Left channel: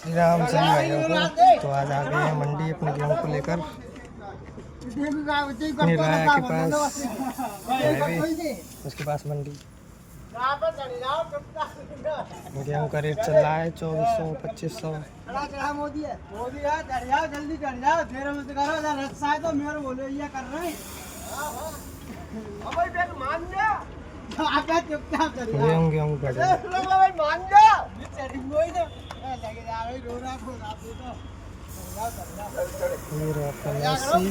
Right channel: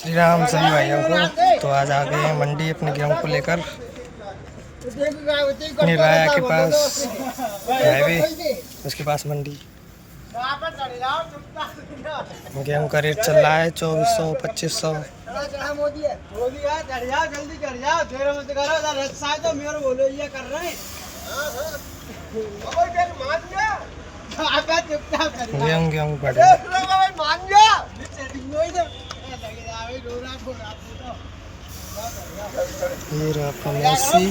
श्री राम सभी भाइयों को। तो आज आ गए हैं मंडी अपने गेहूं को लेकर अपनी राया के पास हाईवे, उसके पास मंडी। गेहूं का रेट चल रहा है 2400 2500। गेहूं पड़े ये रहा आपका मैसी।